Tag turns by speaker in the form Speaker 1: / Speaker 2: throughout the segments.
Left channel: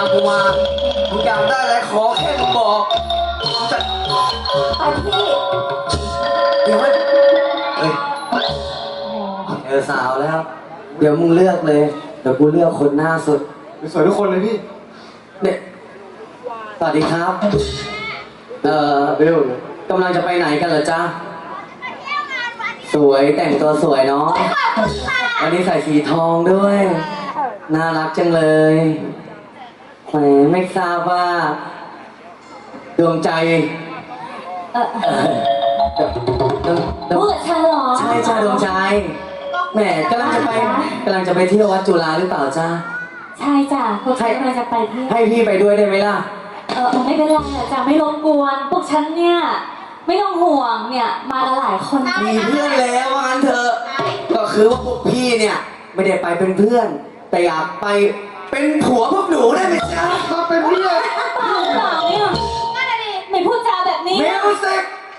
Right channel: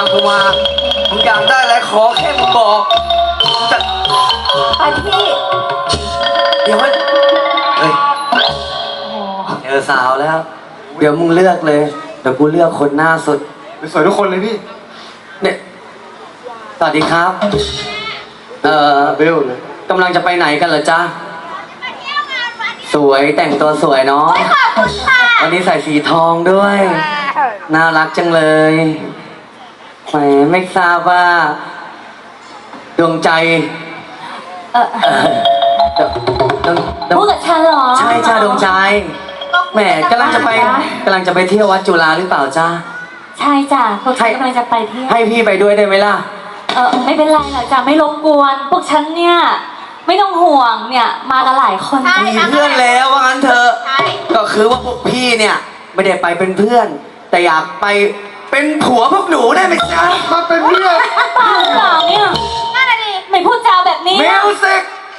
Speaker 1: ามกูมามึงอยากได้อะไรขอแค่มึงบอกจะ
Speaker 2: ไปพี่
Speaker 1: เดี๋ยวเฮ้ยเจอสาวแล้ว เดี๋ยวมึงเลือกเลยเดี๋ยวกูเลือกคนหน้าสุด
Speaker 3: สวยทุกคนเลยพี่
Speaker 1: เนี่ยสวัสดีครับ
Speaker 3: เบลเลย
Speaker 1: กำลังจะไปไหนกันเหรอจ๊ะสวยแต่งตัวสวยเนาะวันนี้ใส่สีทองด้วย น่ารักจังเลยแหมไม่ทราบว่าดวงใจเอ่อดวง
Speaker 2: พูดกับฉันเหรอ
Speaker 1: ใช่จ้าดวงใจแหมกำลังจะไปเที่ยววัดจุฬาหรือเปล่าจ้า
Speaker 2: ใช่จ้ะพวกฉันกำลังจะไปเที่ยว
Speaker 1: ให้พี่ไปด้วยได้ไหมล่ะ
Speaker 2: ไม่เป็นไรหรอกจ้ะไม่รบกวนพวกฉันเนี่ยไม่ต้องห่วงเนี่ยมากันหลายคน
Speaker 1: มีเพื่อนแล้วว่างั้นเถอะก็คือว่าพวกพี่เนี่ยไม่ได้ไปเป็นเพื่อน แต่อยากไปเป็นผัวพวกหนูได้ไหมจ๊ะ
Speaker 3: มาเป็นเพื่อน
Speaker 2: เปล่าเปล่าเนี่ยไม่พูดจาแบบนี้
Speaker 1: มิวสิก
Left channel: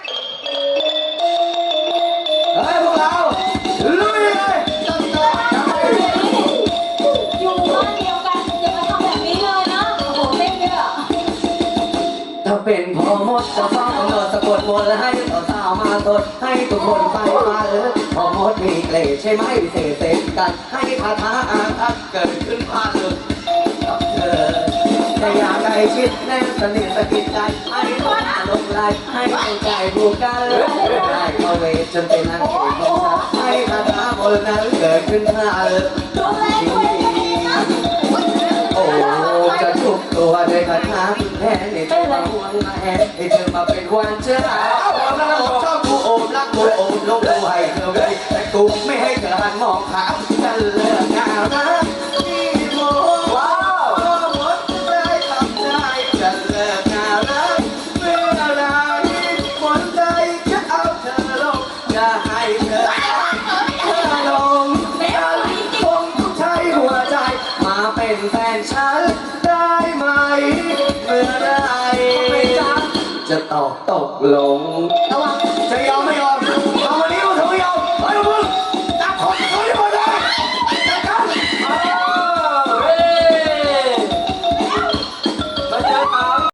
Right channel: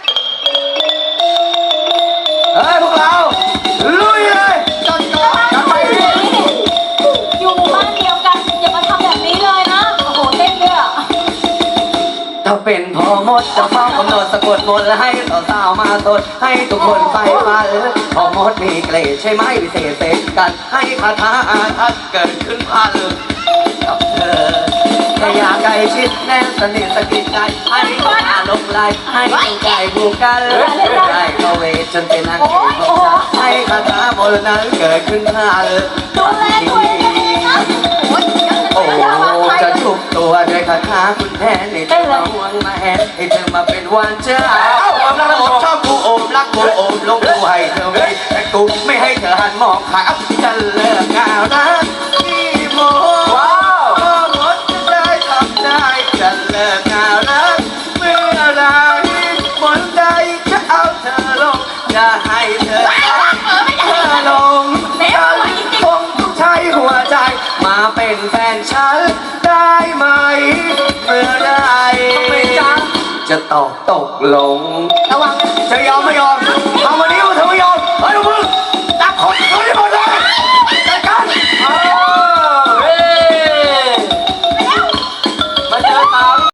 Speaker 1: เฮ้ยพวกเราลุยเลยจัดไปดิ
Speaker 2: อยู่บ้านเดียวกันอย่ามาทำแบบนี้เลยนะโอ้โหเต้นด้วยอะ
Speaker 1: ถ้าเป็นพ่อมดจะเฝ้ากำหนดสะกดมนต์และให้สาวๆมาสดให้ทุกคนไปมาพ่อมดมีเกรดใช่ไหมพิเศษเสกกันให้คาถาอาทัดเกิดขึ้นพันกับเธอแต่อยากใกล้ชิดแน่นสนิทสกิดใจให้ทุกอาลงไหลให้ดวงใจผูกกันได้เข้าเวทจนเป็นนางเอกของฉันให้คาถามนต์นั้นเกิดขึ้นพัน
Speaker 2: ดูแลตัวเองนะ
Speaker 1: โอ้จะทุกตัวด้วยคาถาคุณแทนให้เธอมาห่วงมาแหนให้เธอมาเป็นวันเจ้าโอมรักโอมชอบกูโอมรักกูโอมลงกูให้เธอไม่แต่กูไม่ให้เธอหันมองขาจะเลิกงานนะพี่โมว้าวหมดจะได้ทำได้จะเลิกงานนะเมื่อไรคนใดจะเอาเธอลงจะให้เธอลงคงต้องใช้หัวใจมาเป็นแฟนฉันได้ไหมเมื่อไรจะตกลงระวังจะยอม